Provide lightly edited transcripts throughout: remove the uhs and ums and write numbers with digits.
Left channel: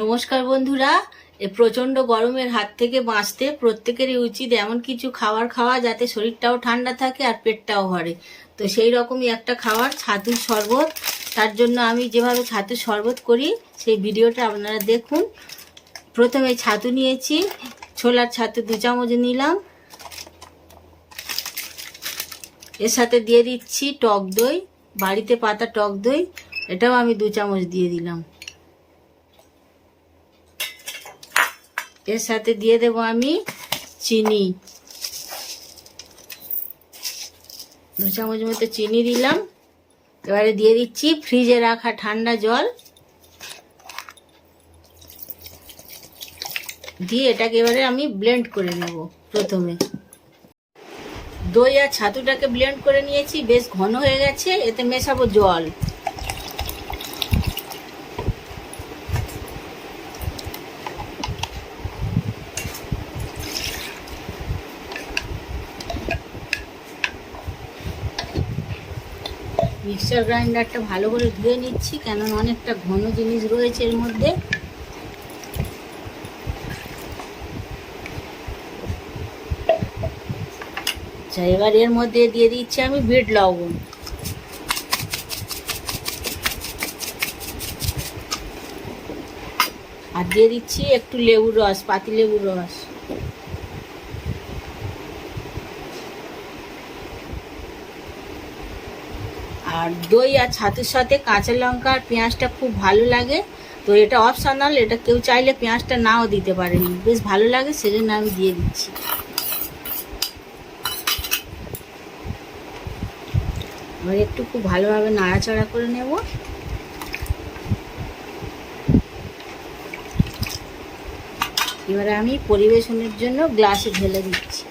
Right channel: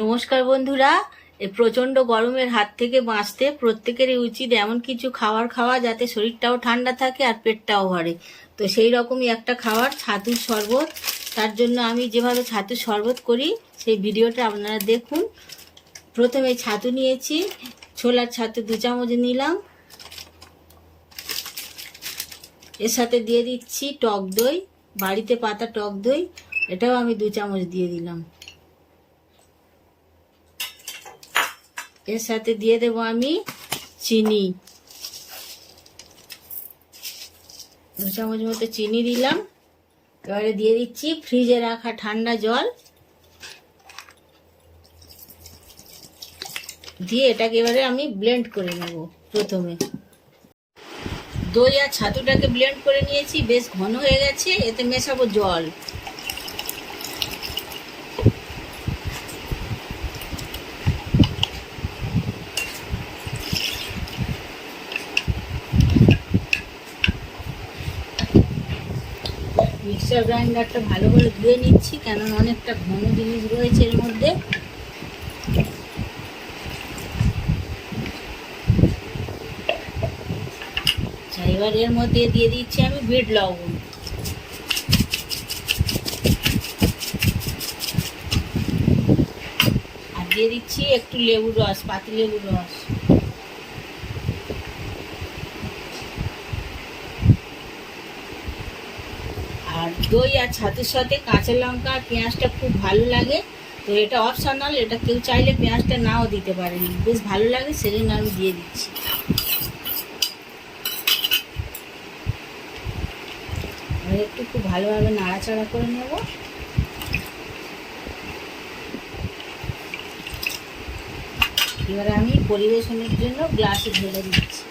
নমস্কার বন্ধুরা, এই প্রচণ্ড গরমের হাত থেকে বাঁচতে প্রত্যেকেরই উচিত এমন কিছু খাবার খাওয়া যাতে শরীরটাও ঠান্ডা থাকে আর পেটটাও ভরে। তো সেই রকমই একটা খাবার ছাতুর শরবত। তার জন্য আমি যেভাবে ছাতুর শরবত করি সেই ভিডিওটা আপনারা দেখুন। প্রথমে ছাতু নিয়েছি, ছোলার ছাতু 2 চামচ নিলাম। এর সাথে দিয়ে দিচ্ছি টক দই, বাড়িতে পাতা টক দই, এটাও আমি 2 চামচ দিয়ে দিলাম। এর সাথে দিয়ে দেব আমি চিনি, 2 চামচ মতো চিনি দিলাম। এবারে দিয়ে দিচ্ছি ফ্রিজে রাখা ঠান্ডা জল, দিয়ে এটাকে এবারে আমি ব্লেন্ড করে নেব। প্রথমে দই আর ছাতুটাকে ব্লেন্ড করে নিয়েছি, বেশ ঘন হয়ে গেছে। এতে মেশাবো জল। মিক্সার গ্রাইন্ডারটা ভালো করে ধুয়ে নিচ্ছি, কেননা অনেকটা ঘন জিনিস রয়েছে এর মধ্যে। এবার এর মধ্যে দিয়ে দিচ্ছি আমি বিট লবণ, আর দিয়ে দিচ্ছি একটু লেবুর রস, পাতি লেবুর রস। আর দই আর ছাতুর সাথে কাঁচা লঙ্কা আর পেঁয়াজটা খুব ভালো লাগে। তো এটা অপশনাল, এটা কেউ চাইলে পেঁয়াজটা নাও দিতে পারেন, বেশ ভালো লাগে, সেজন্য আমি দিয়ে দিচ্ছি। এবার একটু খুব ভালোভাবে নাড়াচাড়া করে নেব। এবারে আমি পরিবেশনের জন্য গ্লাসে ঢেলে দিচ্ছি।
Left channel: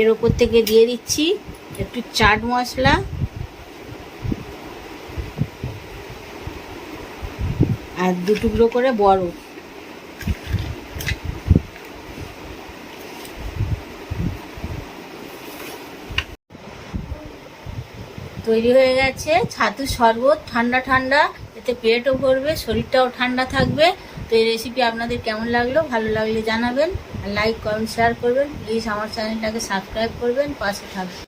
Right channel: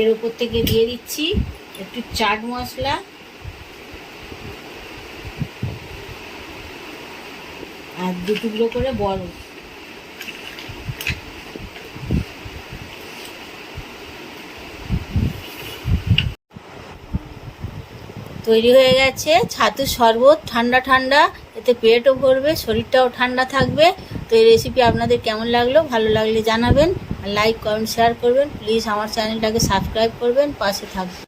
এর উপর থেকে দিয়ে দিচ্ছি একটু চাট মশলা আর 2 টুকরো করে বরফ। তৈরি হয়ে গেছে ছাতুর শরবত, ঠান্ডা ঠান্ডা। এতে পেটও ভরবে, শরীরটাও ঠান্ডা থাকবে। তো এই রেসিপি আপনাদের কেমন লাগলো, ভালো লাগলে জানাবেন, লাইক কমেন্ট শেয়ার করবেন। প্লিজ আমার চ্যানেলটাকে সাবস্ক্রাইব করবেন, পাশে থাকবেন।